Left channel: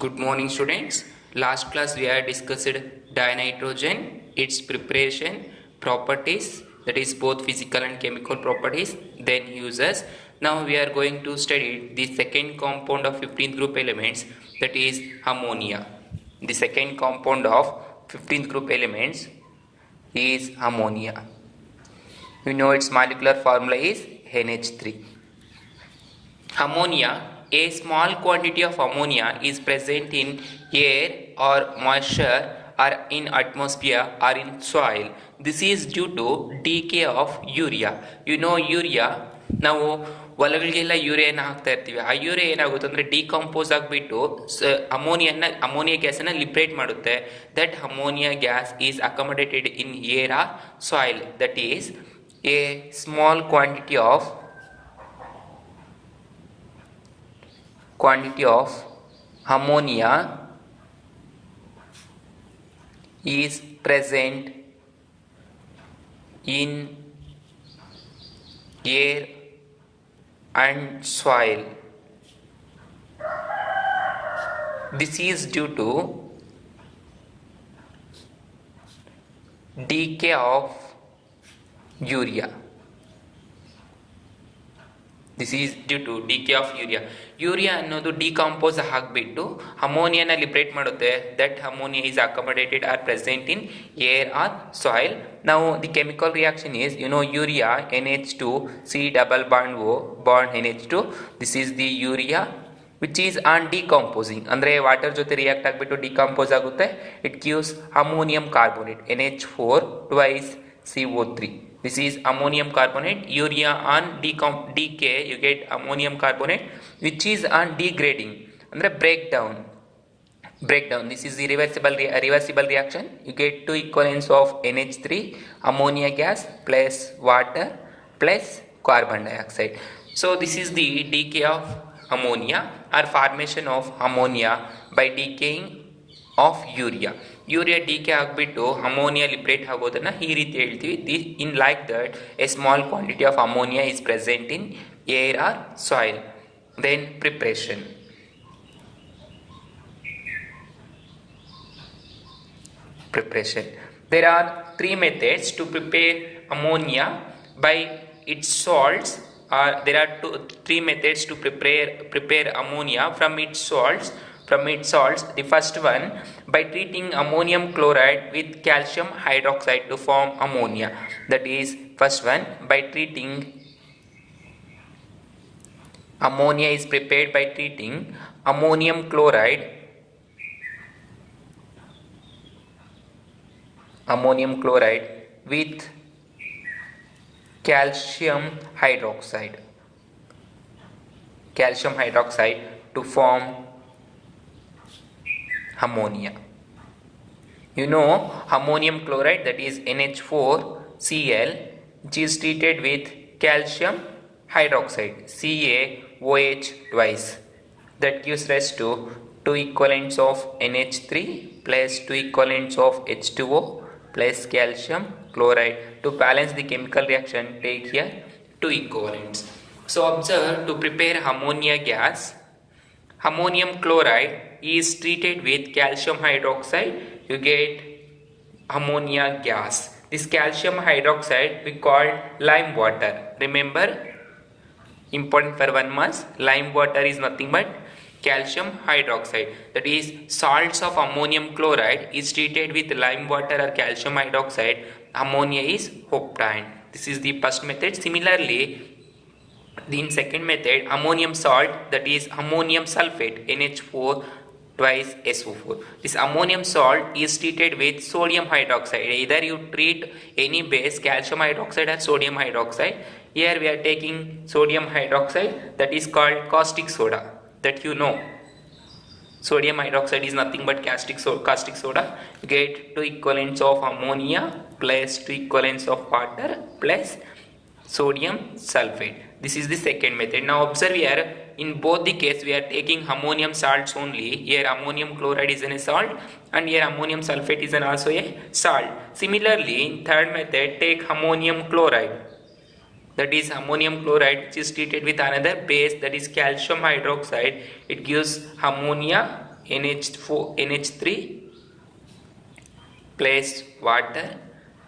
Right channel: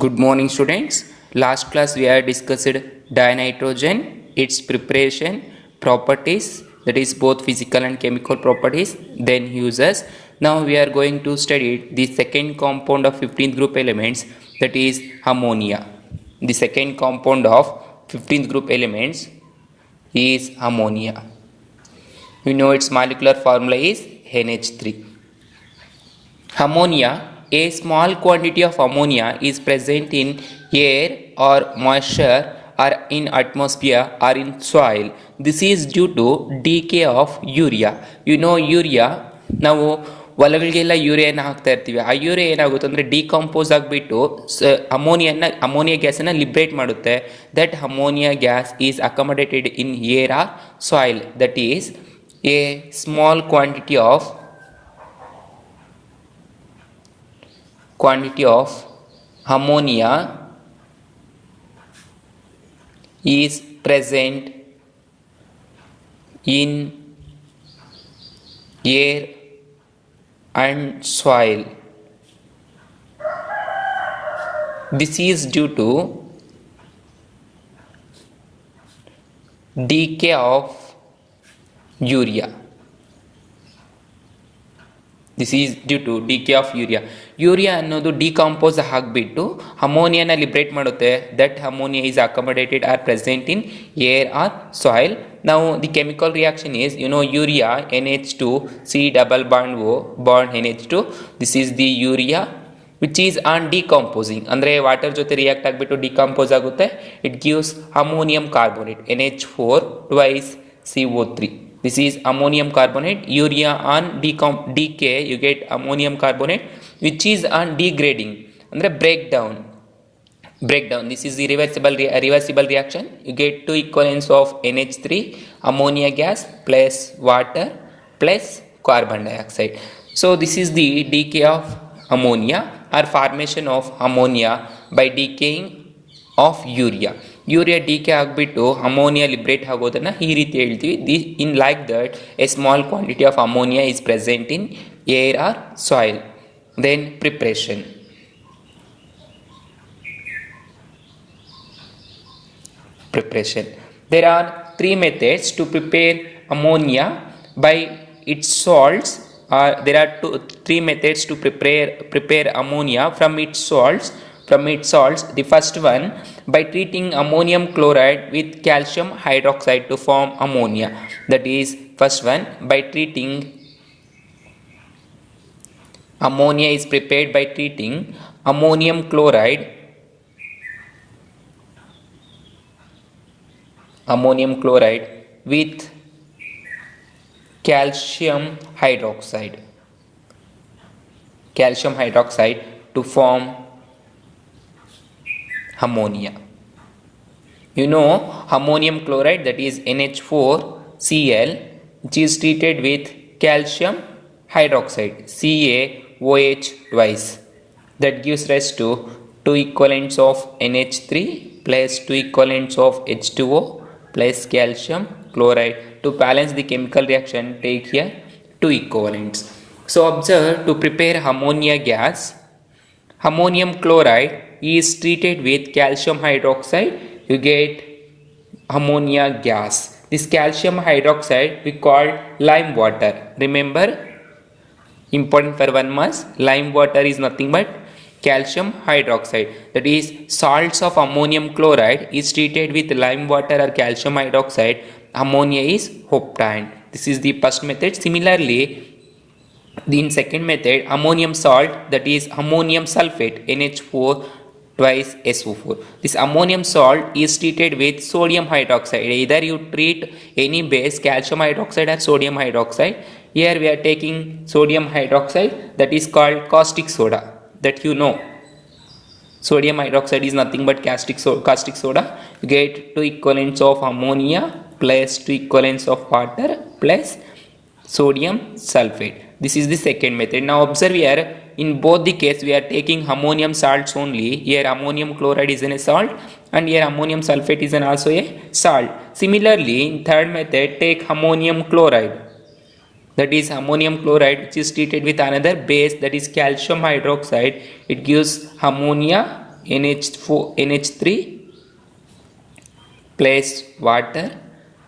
Good morning, students. Last class we had discussed dinitrogen, its preparation, properties, that is both physical and chemical properties, then uses. Now we are going to study the second compound of 15th group elements, that is ammonia. The second compound of 15th group elements is ammonia. You know its molecular formula is NH3. Ammonia. A small quantity of ammonia is present in air or moisture or in atmosphere or in soil. This is due to decay of urea. You know urea, ನಾವು ಹೊಲಗಳಿಗೆಲ್ಲ ಯೂರಿಯಾನ ಹಾಕ್ತಾ ಇರ್ತೀವಿ. ಆ urea ಏನಾಗುತ್ತೆ ಅಂದರೆ decompose ಆಗಿಬಿಟ್ಟು ammonia ಗ್ಯಾಸನ್ನು liberate ಮಾಡುತ್ತೆ. That ammonia gas is accommodated in air or soil. That is a small quantity of ammonia is present in air and soil. This is due to decay of urea. This is due to decay of urea ಅನ್ನೋದು decompose ಆಗಿಬಿಟ್ಟು ಅಮೋನಿಯಾನ liberate ಮಾಡುತ್ತೆ. That ammonia is accommodated or present in air or soil. ನಾವು the chemical reaction is urea NH2 C double bond O bond NH2. This is the urea which is on decomposing, ಅಂದರೆ water ಜೊತೆ react ಆಗಿಬಿಟ್ಟು decompose ಆಗುತ್ತೆ. It gives ammonium carbonate NH4 twice CO3. This is ammonium carbonate. Urea on decay you get ammonium carbonate, which is on degrading andre breakdown. This is the reversible reaction. You get two equivalents of NH3 ammonia gas plus water plus carbon dioxide. So this is the decay of ammonia or formation of ammonia by decaying of urea decay ಆಗಿಬಿಟ್ಟು ammonia liberate ಆಗೋದನ್ನು ಈ ರೀತಿ ಹೇಳ್ತೀವಿ. In like that a small quantity of ammonia is present in air or soil. Then preparation. There are three methods to prepare ammonia by its salts. There are three methods to prepare ammonia from its salts. The first one, by treating ammonium chloride with calcium hydroxide to form ammonia. That is, first one, by treating ammonia is prepared by treating ammonium chloride with calcium hydroxide to form ammonia. You know ammonium chloride, that is NH4Cl, which is treated with calcium hydroxide CaOH twice. That gives rise to two equivalents of NH3 plus two equivalents of H2O plus calcium chloride. To balance the chemical reaction, take here two equivalents. So observe, to prepare ammonia gas, ammonium chloride is treated with calcium hydroxide, you get ammonia gas. This calcium hydroxide we call lime water. Remember, important for 1 month, lime water is nothing but calcium hydroxide. That is, salts of ammonium chloride is treated with lime water or calcium hydroxide. Ammonia is obtained. This is the first method. Similarly, in second method, ammonium salt, that is ammonium sulfate NH4 twice SO4. This ammonium salt is treated with sodium hydroxide. Either you treat any base, calcium hydroxide or sodium hydroxide. Here we are taking sodium hydroxide, that is called caustic soda. That you know, sodium hydroxide is nothing but caustic soda. You get two equivalents of ammonia plus two equivalents of water plus sodium sulfate. This is the second method. Now observe here, in both the case we are taking ammonium salts only. Here ammonium chloride is a salt and here ammonium sulfate is also a salt. Similarly, in third method, take ammonium chloride. That is ammonium chloride, which is treated with another base, that is calcium hydroxide. It gives ammonia NH3 plus water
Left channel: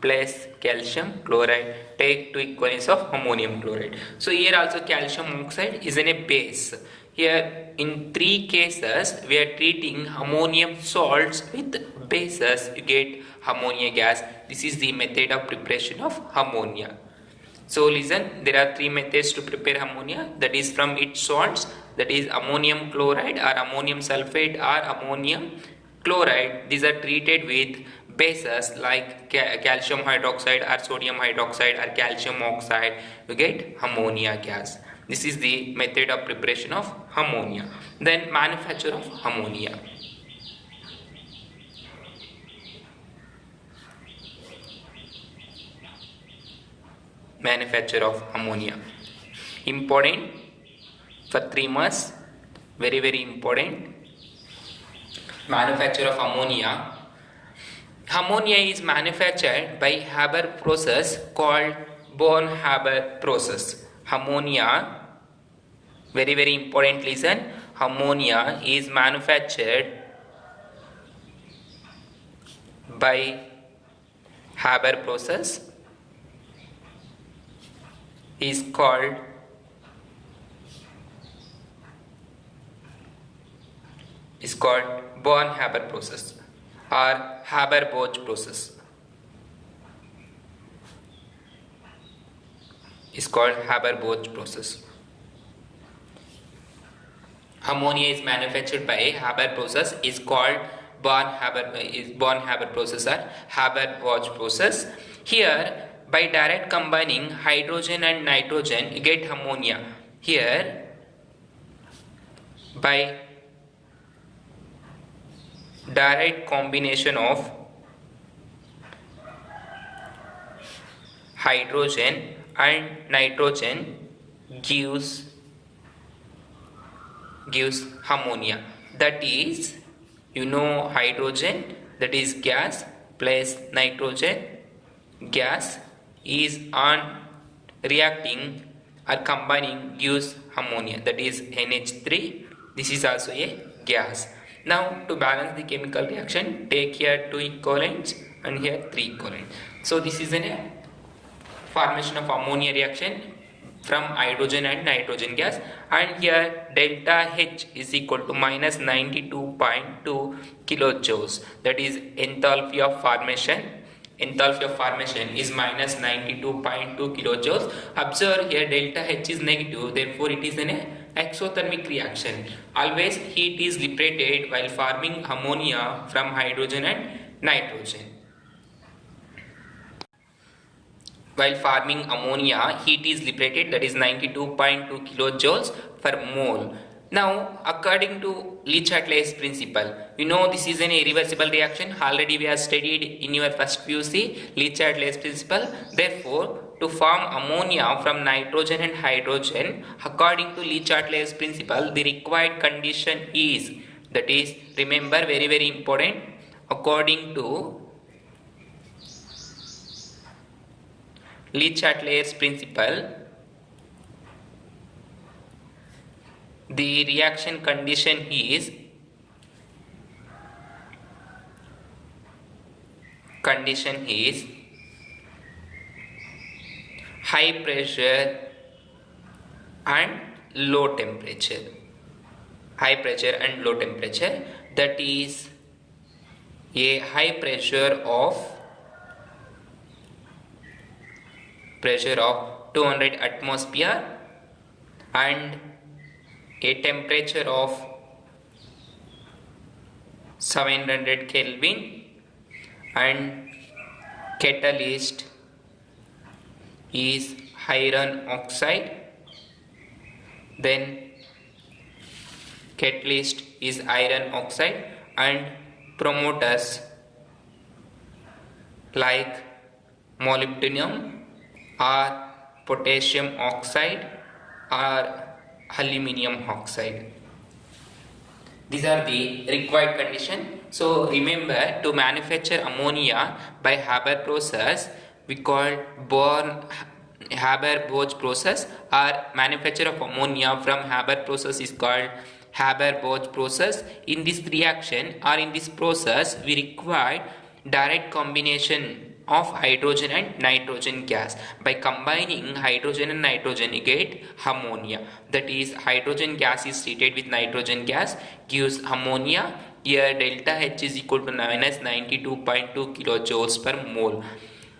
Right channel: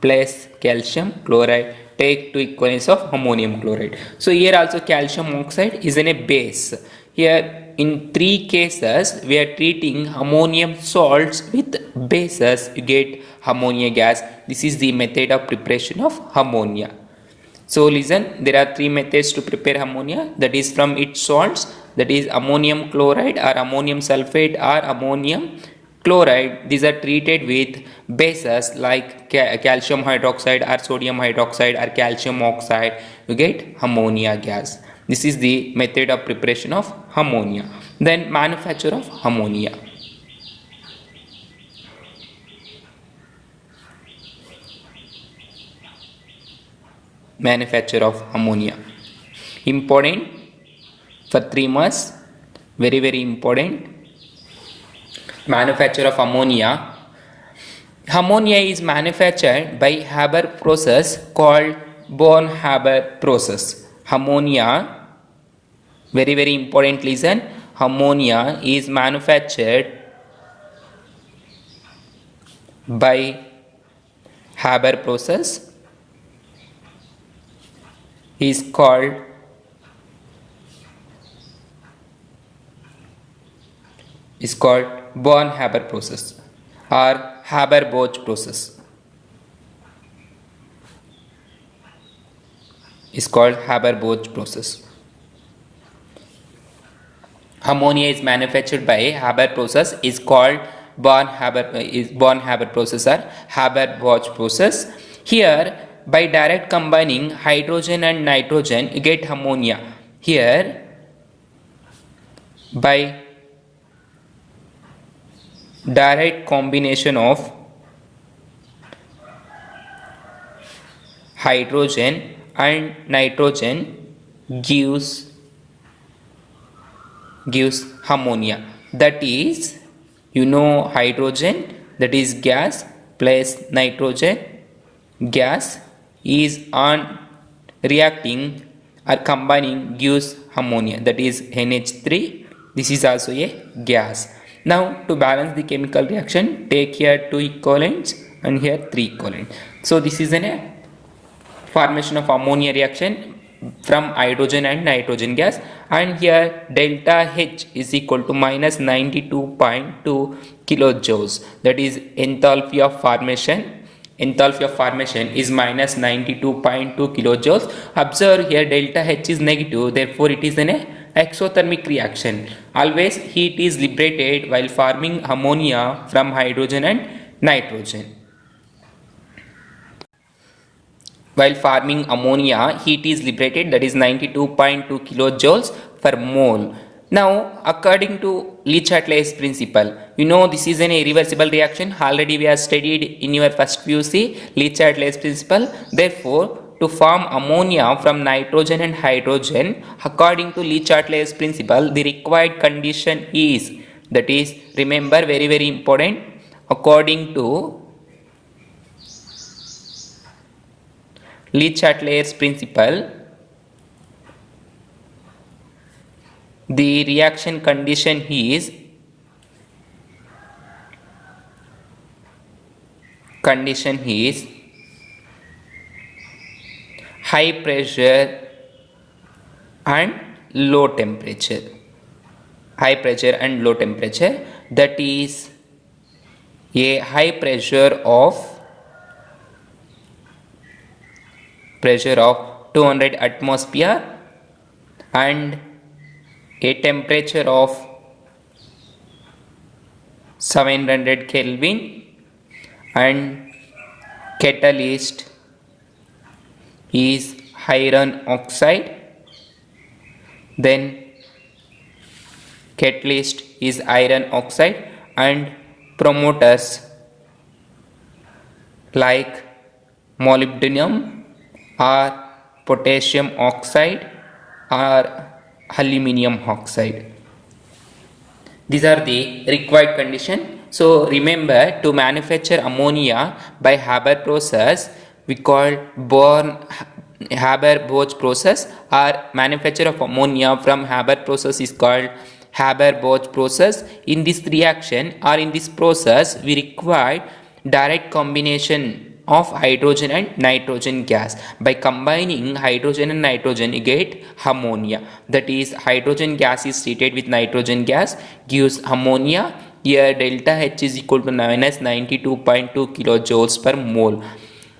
plus calcium chloride take two equivalents of ammonium chloride. So here also calcium oxide is in a base. Here in three cases we are treating ammonium salts with bases, you get ammonia gas. This is the method of preparation of ammonia. So listen, there are three methods to prepare ammonia, that is from its salts, that is ammonium chloride or ammonium sulfate or ammonium chloride. These are treated with bases like calcium hydroxide or sodium hydroxide or calcium oxide, you get ammonia gas. This is the method of preparation of ammonia. Then manufacture of ammonia. Manufacture of ammonia, important for 3 months, very important. Manufacture of ammonia. Ammonia is manufactured by Haber process called Born-Haber process. Ammonia, very important, listen. Ammonia is manufactured by Haber process is called Born-Haber process or Haber-Bosch process. Is called Haber-Bosch process. Ammonia is manufactured by Haber process is called Born-Haber process or Haber-Bosch process. Here by direct combining hydrogen and nitrogen you get ammonia. Here by direct combination of hydrogen and nitrogen gives ammonia. That is, hydrogen, that is gas, plus nitrogen gas is on reacting or combining gives ammonia, that is NH3. This is also a gas. Now to balance the chemical reaction, take here 2 equivalents and here 3 equivalents. So this is a formation of ammonia reaction from hydrogen and nitrogen gas, and here delta H is equal to minus 92.2 kilojoules, that is enthalpy of formation. Enthalpy of formation is minus 92.2 kilojoules. Observe here delta H is negative, therefore it is an exothermic reaction. Always heat is liberated while forming ammonia from hydrogen and nitrogen. While forming ammonia, heat is liberated, that is 92.2 kilojoules per mole. Now, according to Le-Chatelier's principle, this is an irreversible reaction. Already we have studied in your first PUC Le-Chatelier's principle. Therefore, to form ammonia from nitrogen and hydrogen, according to Le-Chatelier's principle, the required condition is, that is, remember, very important, according to Le-Chatelier's principle, the reaction condition is high pressure and low temperature. High pressure and low temperature, that is a high pressure of 200 atmosphere and a temperature of 700 Kelvin, and catalyst is iron oxide. Then catalyst is iron oxide and promoters like molybdenum or potassium oxide or aluminium oxide. These are the required conditions. So remember, to manufacture ammonia by Haber process, we call Haber-Bosch process, or manufacture of ammonia from Haber process is called Haber-Bosch process. In this reaction or in this process, we require direct combination of hydrogen and nitrogen gas. By combining hydrogen and nitrogen, you get ammonia. That is, hydrogen gas is treated with nitrogen gas, gives ammonia. Here delta H is equal to minus 92.2 kilojoules per mole.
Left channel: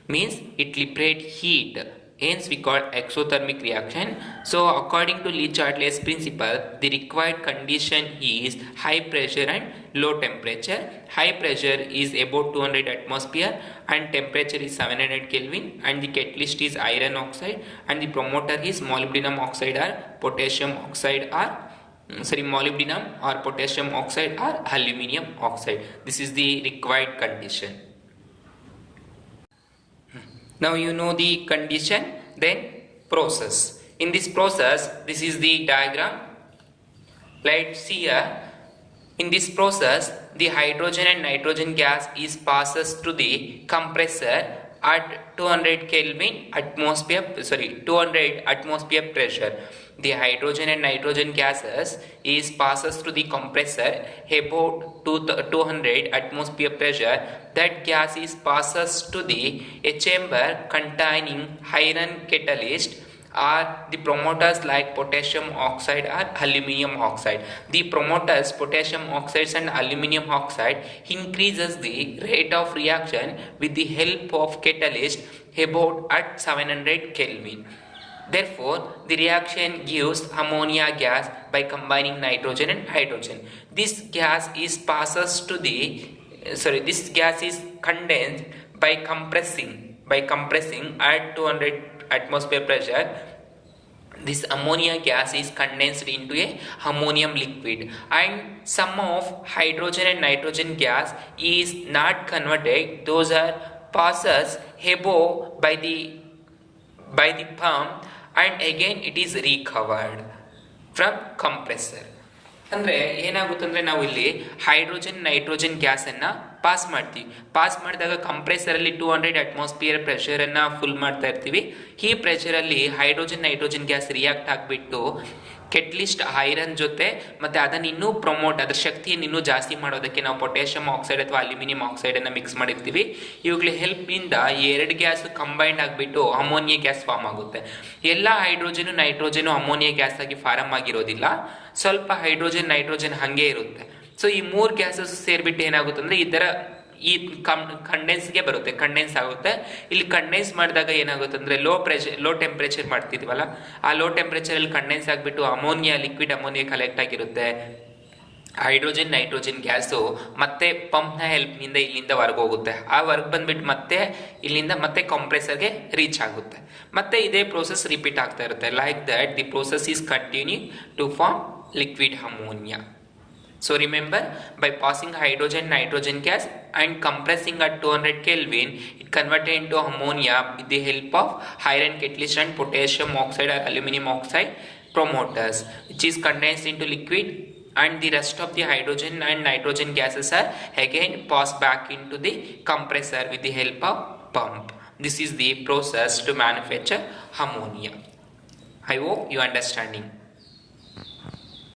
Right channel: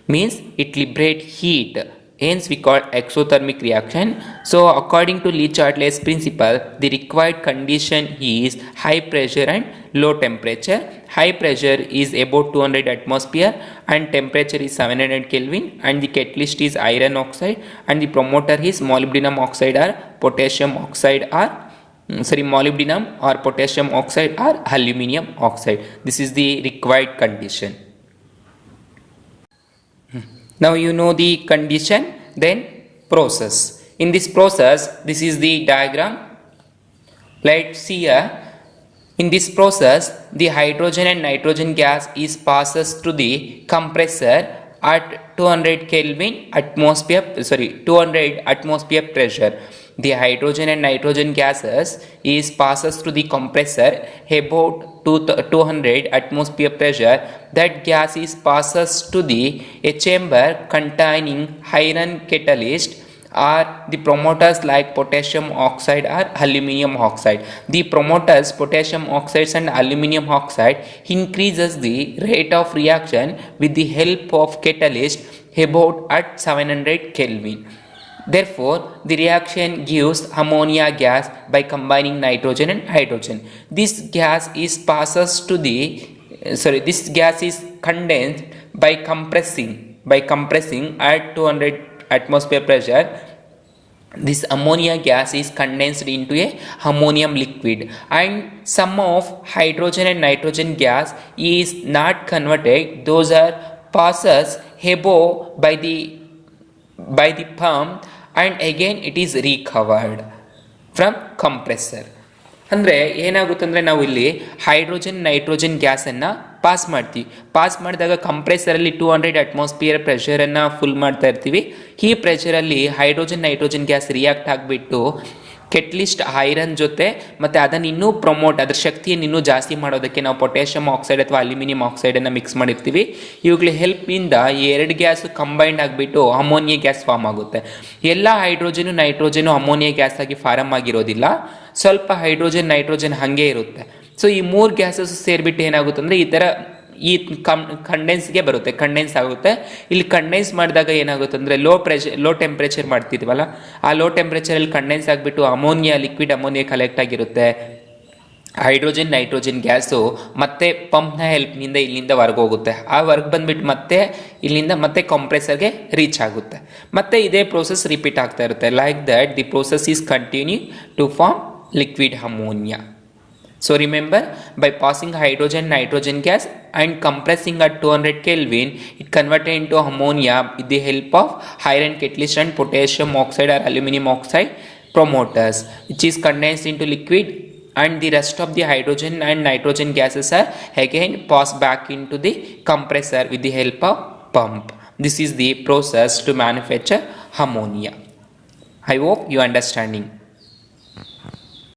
Means it liberates heat. Hence we call exothermic reaction. So according to Le-Chatelier's principle, the required condition is high pressure and low temperature. High pressure is about 200 atmosphere and temperature is 700 Kelvin, and the catalyst is iron oxide and the promoter is molybdenum oxide or potassium oxide or molybdenum or potassium oxide or aluminium oxide. This is the required condition. Now you know the condition, then process. In this process, this is the diagram. Let's see here. In this process, the hydrogen and nitrogen gas is passes through the compressor at 200 Kelvin atmosphere, 200 atmosphere pressure. The hydrogen and nitrogen gases is passes through the compressor about 200 atmosphere pressure. That gas is passes to a chamber containing iron catalyst or the promoters like potassium oxide or aluminium oxide. The promoters, potassium oxides and aluminium oxide, increases the rate of reaction with the help of catalyst about at 700 Kelvin. Therefore, the reaction gives ammonia gas by combining nitrogen and hydrogen. This gas is passes to this gas is condensed by compressing at 200 atmosphere pressure. This ammonia gas is condensed into a ammonium liquid, and some of hydrogen and nitrogen gas is not converted. Those are passes above by the pump, and again it is recovered from compressor. ಅಂದರೆ ಏನಾಗುತ್ತೆ ಅಂದರೆ ನಾವು ಇಲ್ಲಿ hydrogen nitrogen ಗ್ಯಾಸನ್ನು pass ಮಾಡ್ತೀವಿ. Pass ಮಾಡಿದಾಗ ಕಂಪ್ರೆಸರಲ್ಲಿ 200 atmosphere ಪ್ರೆಷರನ್ನು full ಮಾಡ್ತಾ ಇರ್ತೀವಿ. ಈ ಪ್ರೆಷರಲ್ಲಿ ಹೈಡ್ರೋಜನ್ ನೈಟ್ರೋಜನ್ ಗ್ಯಾಸ್ ರಿಯಾಕ್ಟ್ ಆಗಿಬಿಟ್ಟು ಕೆಟ್ಲಿಸ್ಟ್ ಐರನ್ ಜೊತೆ ಮತ್ತು ಅದನ್ನು ಇನ್ನೂ ಅದರ ಶಕ್ತಿಯನ್ನು ಇನ್ನೂ ಜಾಸ್ತಿ ಮಾಡೋದಕ್ಕೆ ನಾವು ಪೊಟ್ಯಾಷಿಯಂ ಆಕ್ಸೈಡ್ ಅಥವಾ ಅಲ್ಯೂಮಿನಿಯಂ ಆಕ್ಸೈಡನ್ನು ಮಿಕ್ಸ್ ಮಾಡಿರ್ತೀವಿ. ಇವುಗಳ ಹೆಲ್ಪಿಂದ ಎರಡು ಗ್ಯಾಸ್ ಕಂಬೈಂಡ್ ಆಗಿಬಿಟ್ಟು ಅಮೋನಿಯಾ ಗ್ಯಾಸ್ ಫಾರ್ಮ್ ಆಗುತ್ತೆ. ಎಲ್ಲ ಹೈಡ್ರೋಜನು ನೈಟ್ರೋಜನು ಅಮೋನಿಯಾ ಗ್ಯಾಸ್ ಆಗಿ ಫಾರ್ಮ್ ಆಗಿರೋದಿಲ್ಲ, ಸ್ವಲ್ಪ ಹೈಡ್ರೋಜನ್ ನೈಟ್ರೋಜನ್ ಹಾಗೆ ಇರುತ್ತೆ. ಸೊ ಈ ಮೂರು ಗ್ಯಾಸಸ್ ಸೇರಿಬಿಟ್ಟು ಏನಾಗುತ್ತೆ ಅಂದರೆ ಈ ಕಂಡೆನ್ಸ್ಗೆ ಬರುತ್ತೆ, ಕಂಡೆನ್ಸ್ ಆಗುತ್ತೆ. ಇಲ್ಲಿ ಕಂಡೆನ್ಸ್ ಮಾಡಿದಾಗ ಏನಾಗುತ್ತೆ ಅಂದರೆ ಲೋ ಟೆಂಪ್ರೇಚರ್ ಮಾಡ್ತಿದ್ವಲ್ಲ, ಆ ಲೋ ಟೆಂಪ್ರೇಚರಲ್ಲಿ ಕಂಡೆನ್ಸ್ ಆಗಿಬಿಟ್ಟು ಲಿಕ್ವಿಡ್ ಅಮೋನಿಯಾ ಕಲೆಕ್ಟ್ ಆಗಿರುತ್ತೆ. ಹೈಡ್ರೋಜನ್ ನೈಟ್ರೋಜನ್ ಗ್ಯಾಸು ಮತ್ತೆ ಪಂಪ್ನ ಹೆಲ್ಪ್ನಿಂದ ಇಲ್ಲಿಂದ ಹೊರಗೆ ಹೋಗುತ್ತೆ. ಆ ಹೊರಗೆ ಬಂದ್ಬಿಟ್ಟು ಮತ್ತೆ ಇಲ್ಲಿಂದ ಮತ್ತೆ ಕಂಪ್ರೆಸರ್ಗೆ ರೀಚ್ ಆಗುತ್ತೆ. ಮತ್ತೆ ಇದೇ ಪ್ರೋಸೆಸ್ ರಿಪೀಟ್ ಆಗ್ತಾ ಇರುತ್ತೆ. Like that the process is continue to form liquid ammonia. So remember, by passing hydrogen nitrogen gas and compressing at 200 Kelvin, it converted into ammonia with the help of iron catalyst and potassium oxide or aluminum oxide promoters, which is condensed into liquid, and the rest of the hydrogen and nitrogen gases are again passed back into the compressor with the help of pump. This is the process to manufacture ammonia. I hope you are understanding.